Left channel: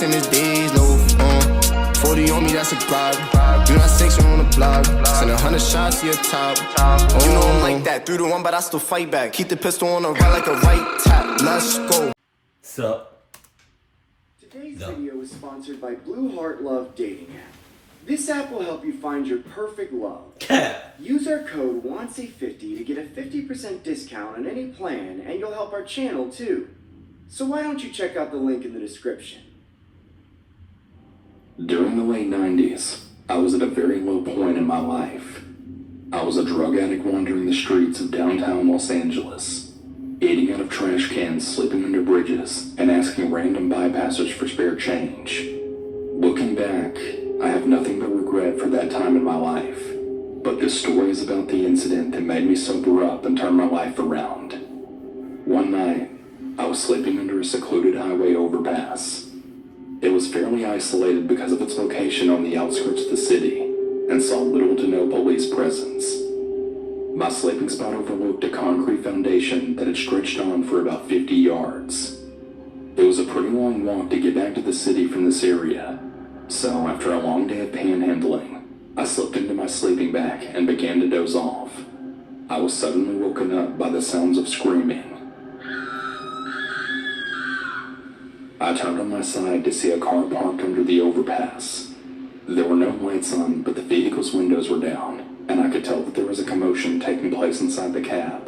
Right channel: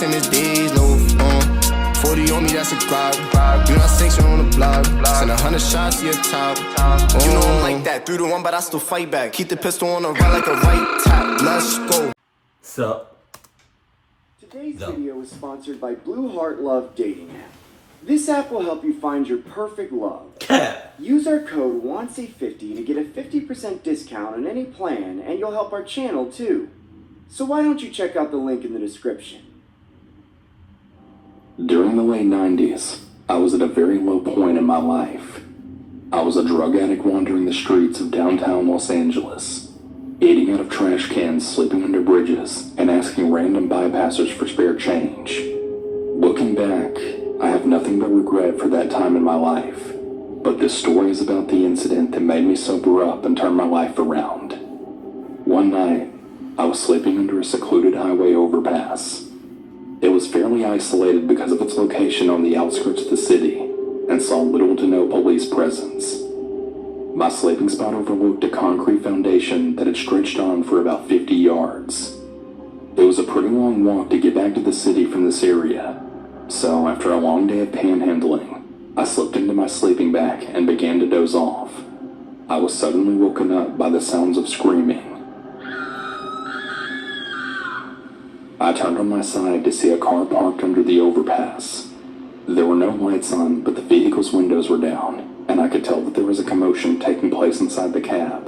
This ain't his days, no. 40 on me, that's a bribe. You not sanction on the block. Send 100 shots to your top. You know I'm like that. 3-1, but I still fight back. Keep the pistol on the right like a right tap. Let's go. So. Today's video is sponsored by Blue Heart Love Dating App. This app will help you find your perfect love. Use our code Wansee50 to get a 50% discount on any plan, and you'll help our channel too. So why don't you check out the link in the description? During the late 90s, I was at a very low point in my life. I was a drug addict wandering the streets of downtown Los Angeles, eating out of trash cans, sleeping under bridges, and asking random bypassers for spare change. Looking back, I have nothing but regret for that time in my life, but this story is about the incident that made me sober up and turn my life around. One night, I was sleeping under a secluded highway overpass. It was fairly isolated because of its location on the outskirts of the city, and saw little to no police presence. My sleeping spot overlooked a concrete foundation that had stretched on for about 50 yards. It was a pretty long walk to get back to the city from this area, so after a long day of panhandling, I slipped into my sleeping bag and began to doze off. I was suddenly woken up by the sounds of screaming. I turned on my side to see a car parked under the overpass. There were no lights on, but the vehicle's windows were down, and I could tell that there was a commotion taking place inside the cab.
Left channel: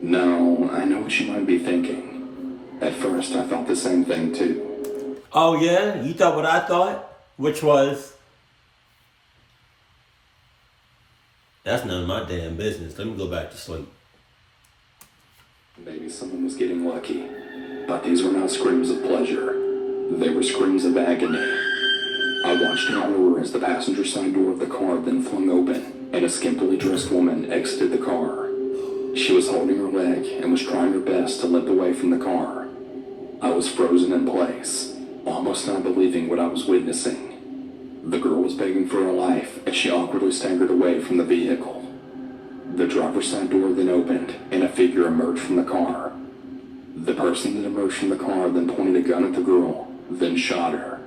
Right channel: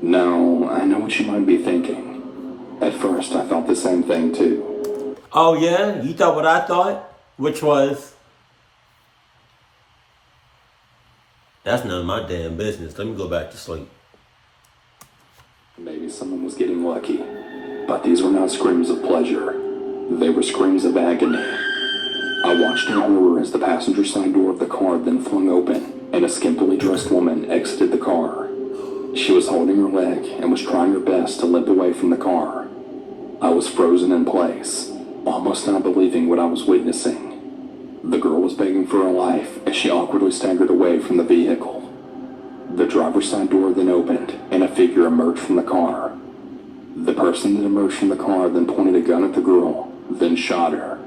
Now, I know what you might be thinking. At first, I thought the same thing too. Oh yeah? You thought what I thought? Which was... That's none of my damn business. Let me go back to sleep. Maybe someone was getting lucky. But these were not screams of pleasure. They were screams of agony. I watched in horror as the passenger side door of the car then flung open, and a skimpily dressed woman exited the car. She was holding her leg and was trying her best to limp away from the car. I was frozen in place, almost not believing what I was witnessing. The girl was begging for her life as she awkwardly staggered away from the vehicle. The driver's side door then opened, and a figure emerged from the car. The person that emerged from the car then pointed a gun at the girl, then shot her.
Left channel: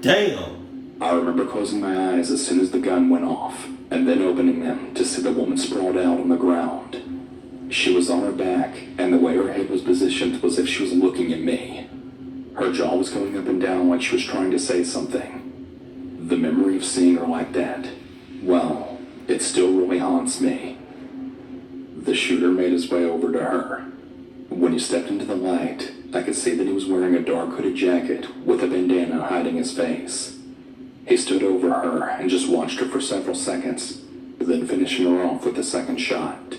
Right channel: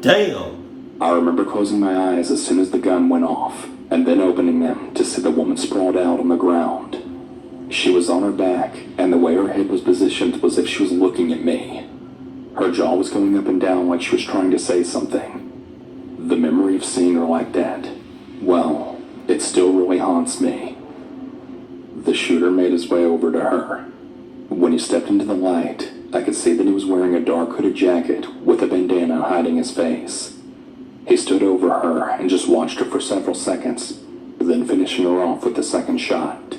Damn! I remember closing my eyes as soon as the gun went off, and then opening them to see the woman sprawled out on the ground. She was on her back, and the way her head was positioned was as if she was looking at me. Her jaw was going up and down like she was trying to say something. The memory of seeing her like that, well, it still really haunts me. The shooter made his way over to her. When he stepped into the light, I could see that he was wearing a dark hooded jacket with a bandana hiding his face. He stood over her and just watched her for several seconds, then finishing her off with the second shot.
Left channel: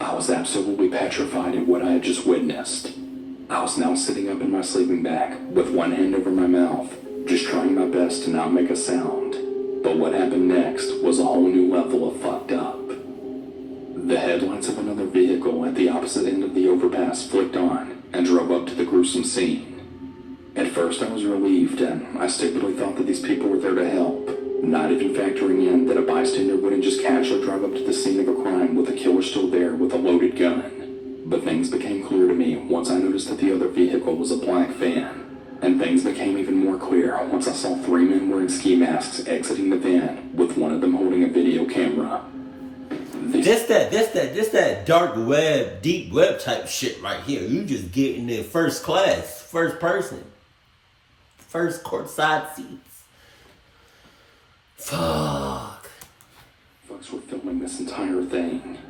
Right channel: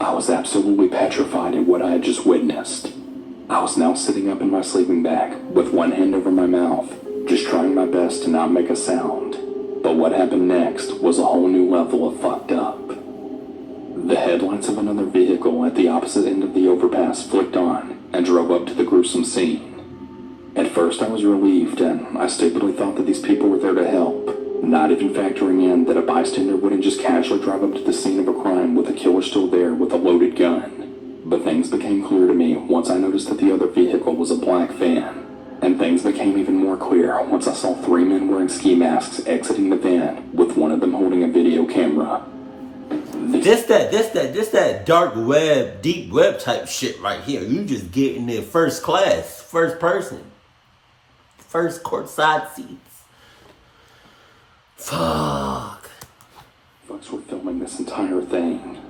I was absolutely petrified at what I had just witnessed. I was now sitting up in my sleeping bag with one hand over my mouth, just trying my best to not make a sound. But what happened next was a whole new level of fucked up. The headlights of another vehicle at the opposite end of the overpass flicked on and drove up to the gruesome scene. At first I was relieved, and I stupidly thought that these people were there to help, not even factoring in that a bystander wouldn't just casually drive up to the scene of a crime with a killer still there with a loaded gun. But things became clear to me once I noticed that the other vehicle was a black van, and things became even more clear once I saw 3 men wearing ski masks exiting the van, with one of them holding a video camera. This that dark web, deep web type shit right here. You just getting there first class, first person, first courtside seats. Fuck. Folks were filming this entire thing.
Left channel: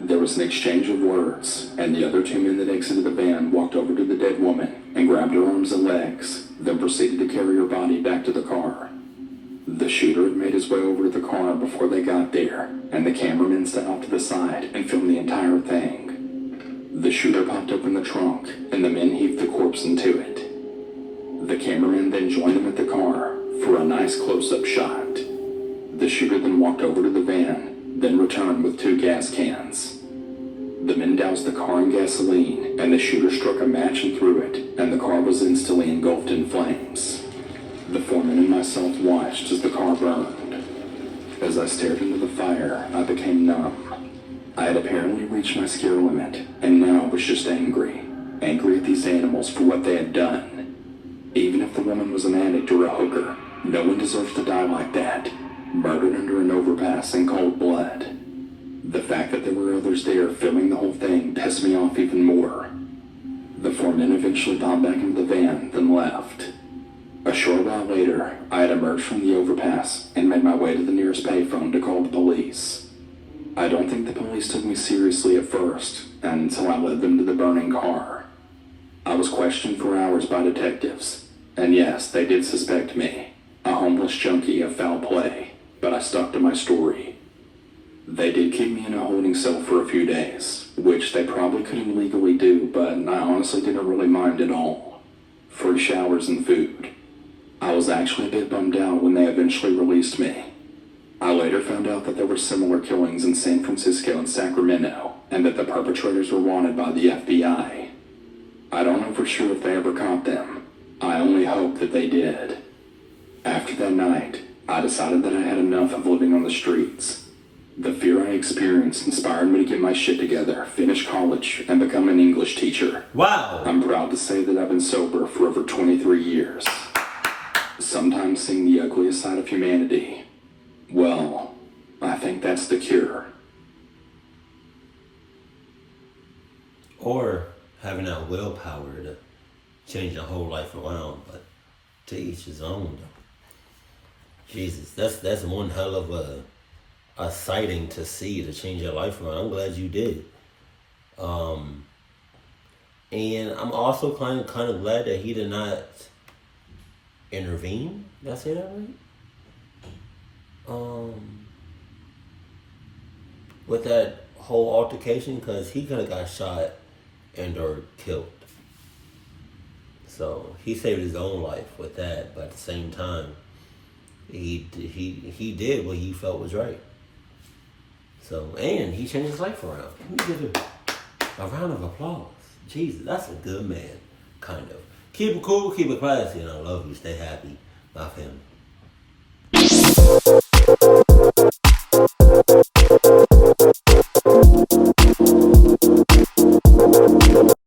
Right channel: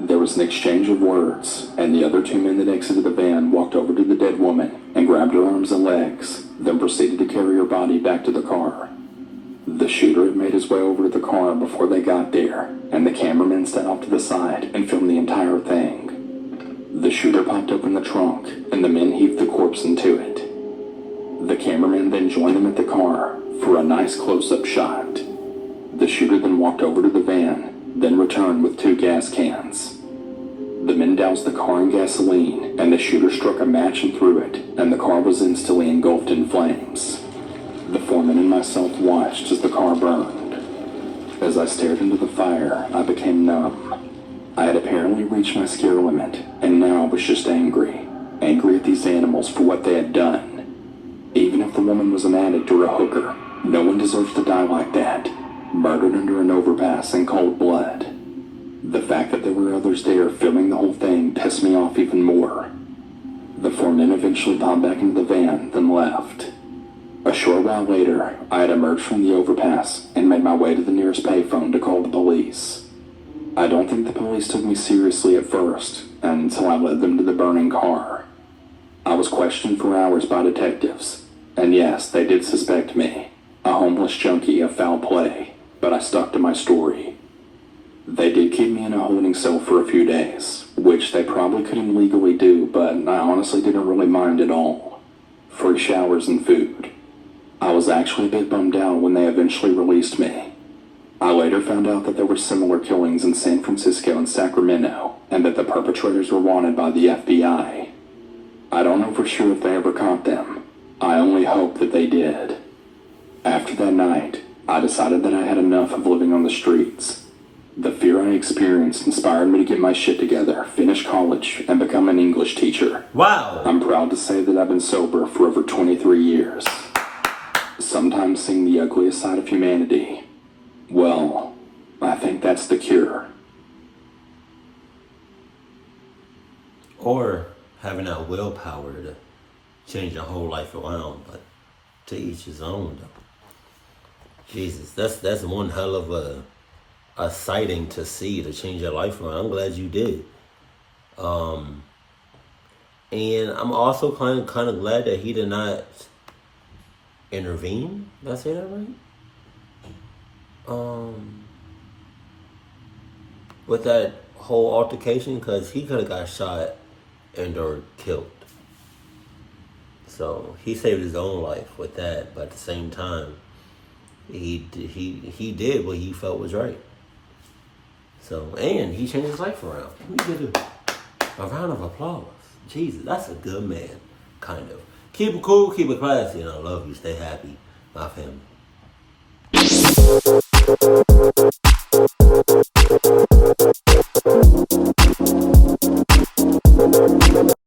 There was an exchange of words, and the other 2 men that exited the van walked over to the dead woman and grabbed her arms and legs, then proceeded to carry her body back to the car. The shooter had made his way over to the car before they got there, and the cameraman stepped off to the side and filmed the entire thing. The shooter popped open the trunk, and the men heaved the corpse into it. The cameraman then joined them at the car for a nice close-up shot. The shooter then walked over to the van, then returned with 2 gas cans. The men doused the car in gasoline, and the shooter struck a match and threw it, and the car was instantly engulfed in flames. The foreman and myself watched as the car burned. As I stared into the fire, I became numb. I had apparently reached my scare limit, and now I was just angry. Angry at these animals for what they had done. was an addict or a hooker. No one deserves to die like that. Murdered under an overpass in cold blood. The fact that there were others there filming the whole thing pissed me off even more. The four men eventually popped back into the van, then left. A short while later, I had emerged from the overpass and made my way to the nearest payphone to call the police. I don't think the police took me seriously at first, until I led them to the burning car. I was questioned for hours by detectives, and yes, they did suspect me, a homeless junkie, of foul play, but I stuck to my story. They did keep me in a holding cell for a few days, which they probably couldn't legally do, but I honestly didn't really mind at all. Free showers and food. I was actually a bit bummed out when they eventually released me. I later found out that there were similar killings in San Francisco and Sacramento, and that the perpetrators were wanted by the FBI. I don't know for sure if they ever caught them. I only hope that they did. After that night, I decided that I had enough of living on the streets. The fear I experienced inspired me to get my shit together, finish college, and become an English teacher. Wow! I'm proud to say that I've been sober for over 23 years. Sometimes seeing the ugliest side of humanity, well, I think that's the cure. Or having that willpower to change your whole life around, but to each his own, though. Jesus, that's one hell of a sighting to see, to change your life around. I'm glad you did. And I'm also kind of glad that he did not intervene. Did I say that right? With that whole altercation, because he could have got shot and or killed. So he saved his own life with that, but at the same time, he did what he felt was right. So, and he changed his life around. We give a round of applause. Jesus, that's a good man, kind of. Keep it cool, keep it classy, and I love you. Stay happy, my family.